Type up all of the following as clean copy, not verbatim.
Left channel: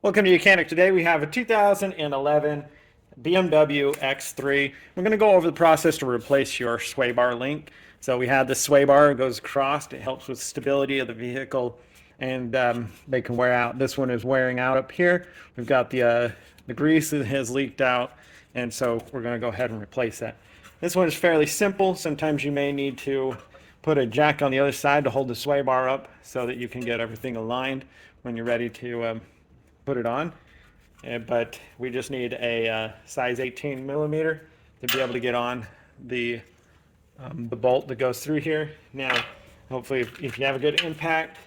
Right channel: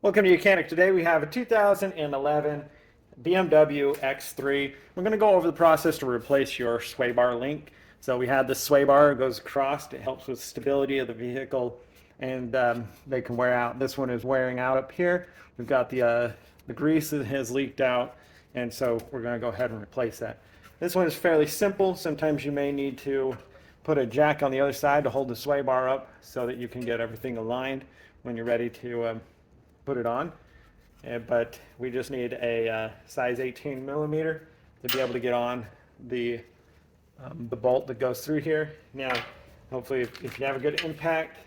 Welcome to Mechanic. Today we have a 2011 BMW X3. We're going to go over the process to replace your sway bar link. So we had this sway bar, it goes across, it helps with stability of the vehicle, and they can wear out. This one is wearing out up here. We've got the grease that has leaked out, and so we're going to go ahead and replace that. This one is fairly simple. Sometimes you may need to put a jack on the other side to hold the sway bar up so that you can get everything aligned when you're ready to put it on. But we just need a size 18 millimeter to be able to get on the bolt that goes through here. Now, hopefully, if you have a good impact,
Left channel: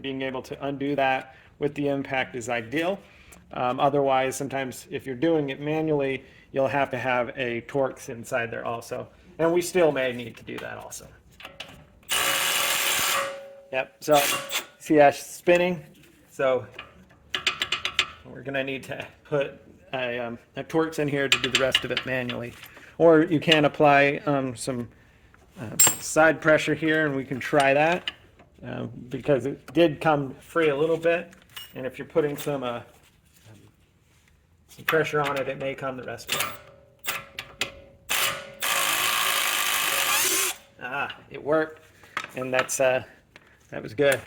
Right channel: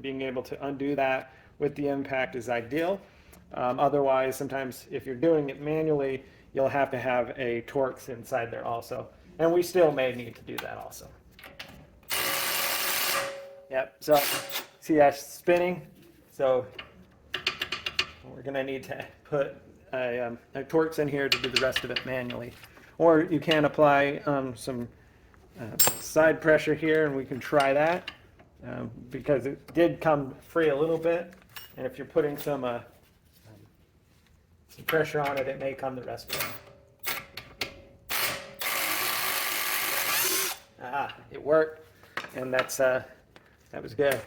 being able to undo that with the impact is ideal. Otherwise, sometimes if you're doing it manually, you'll have to have a Torx inside there also. And we still may need to do that also. Yep, so see that spinning? So we're going to need to put a Torx in here to do the rest of it manually. Or you can apply some side pressure here, and we can try that because it did come free a little bit. And if you're putting some pressure on it, it may come the rest of it. Ah, it worked, and that was good.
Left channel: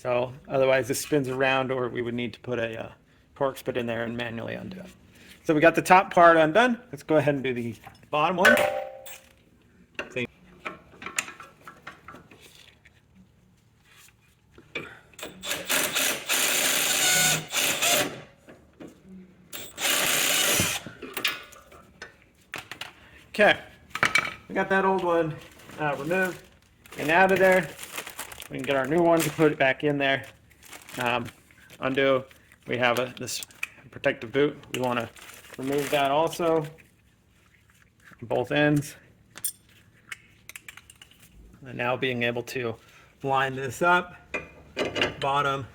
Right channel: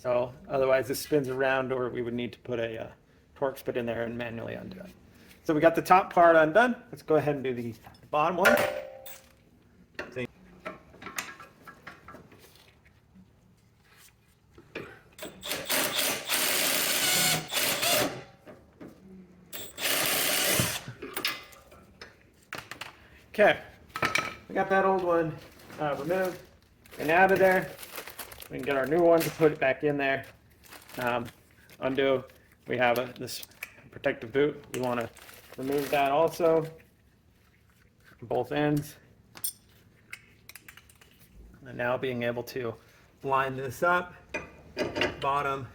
So otherwise this spins around, or we would need to put a Torx put in there and manually undo it. So we got the top part undone. Let's go ahead and do the bottom one. See. Okay, we got that old one removed and out of there. We can get our new one to put it back in there. Undo. We have this protective boot. We want to remove that also. Both ends. And now being able to line this up, bottom.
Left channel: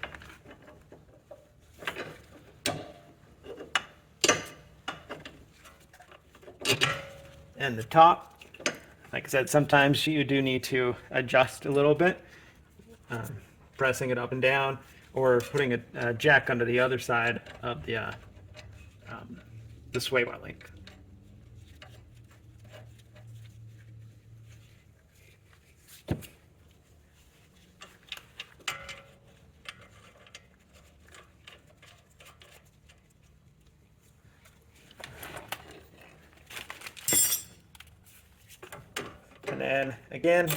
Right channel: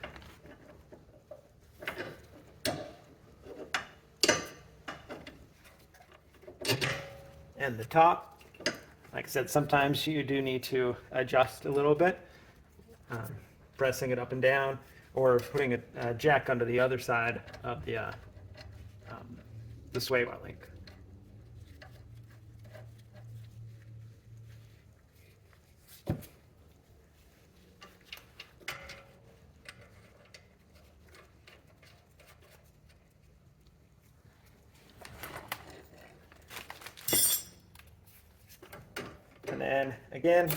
And the top. Like I said, sometimes you do need to adjust a little bit. Pressing it up and down, or putting a jack under the other side of the sway bar link. And then again,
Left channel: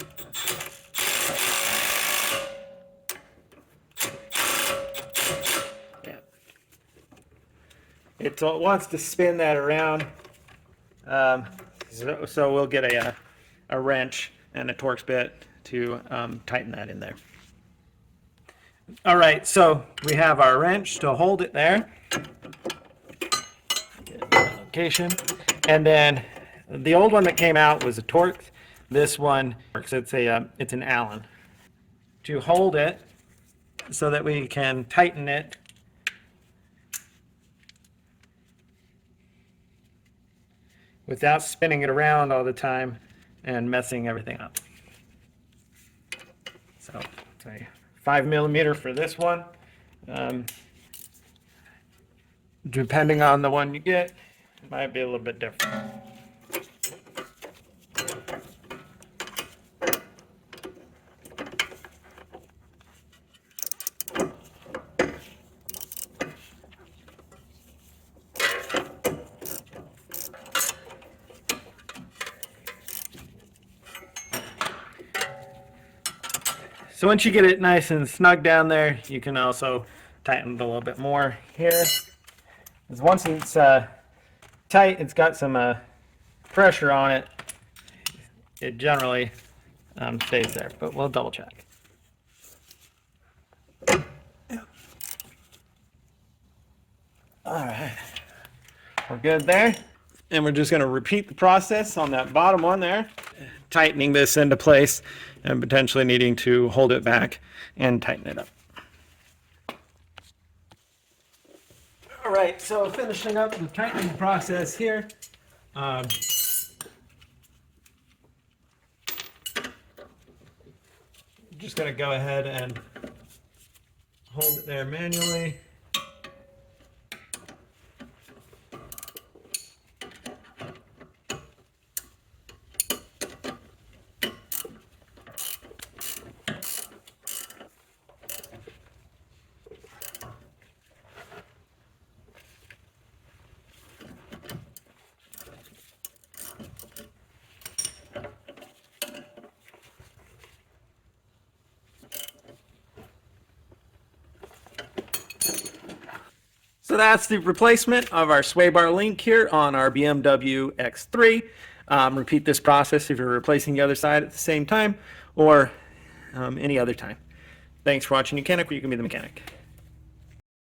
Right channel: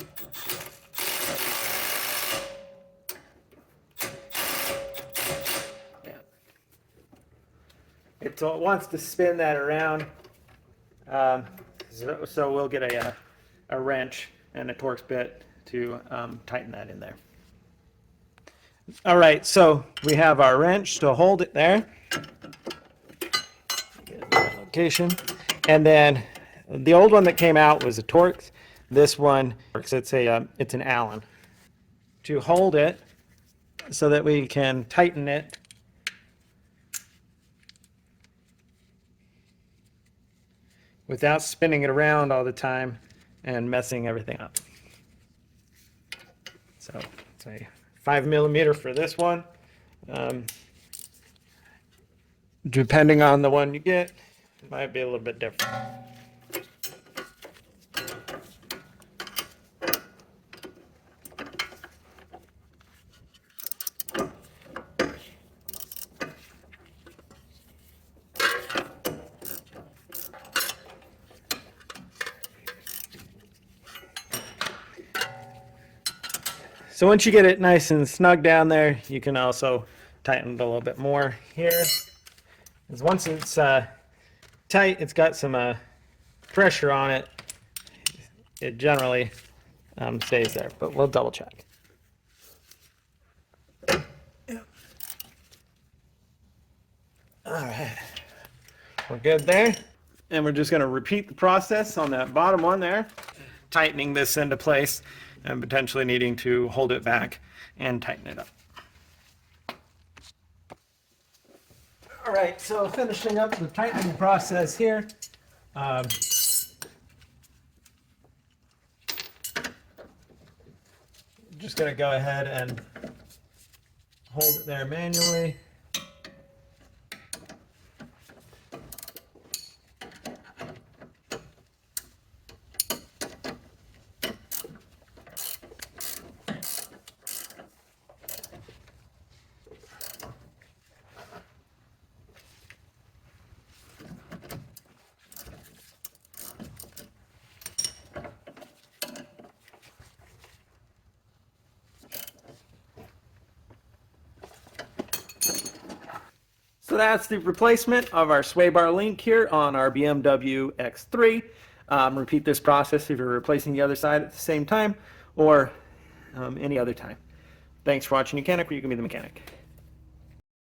it wants to spin that around, so we'll get a wrench and a Torx bit to tighten that in there. All right, so we have our wrench to hold it there. Location, and then the old one that came out was a Torx. This one, it's an Allen. To hold it so that we can tighten it. Without spinning it around all the time and messing everything up. So it's a 5 millimeter for this one. Depending on the one you get, it might be a little bit different. So once you get it nice and snug down there, you can also tighten it a little bit more here. Because once it's tight, it's got some pressure on it. It generally stays there, but we'll double check. Yeah. All right, we're good there. And we're just going to repeat the process on that bottom one there, tightening this into place and potentially needing to hold it back and tighten it up. All right, so finishing up the tightening process here. just going to go ahead and hold it there manually. So that's the replacement of our sway bar link here on our BMW X3. Repeat this process if you're replacing the other side at the same time or any other time. Thanks for watching Mechanic, where you can be the mechanic.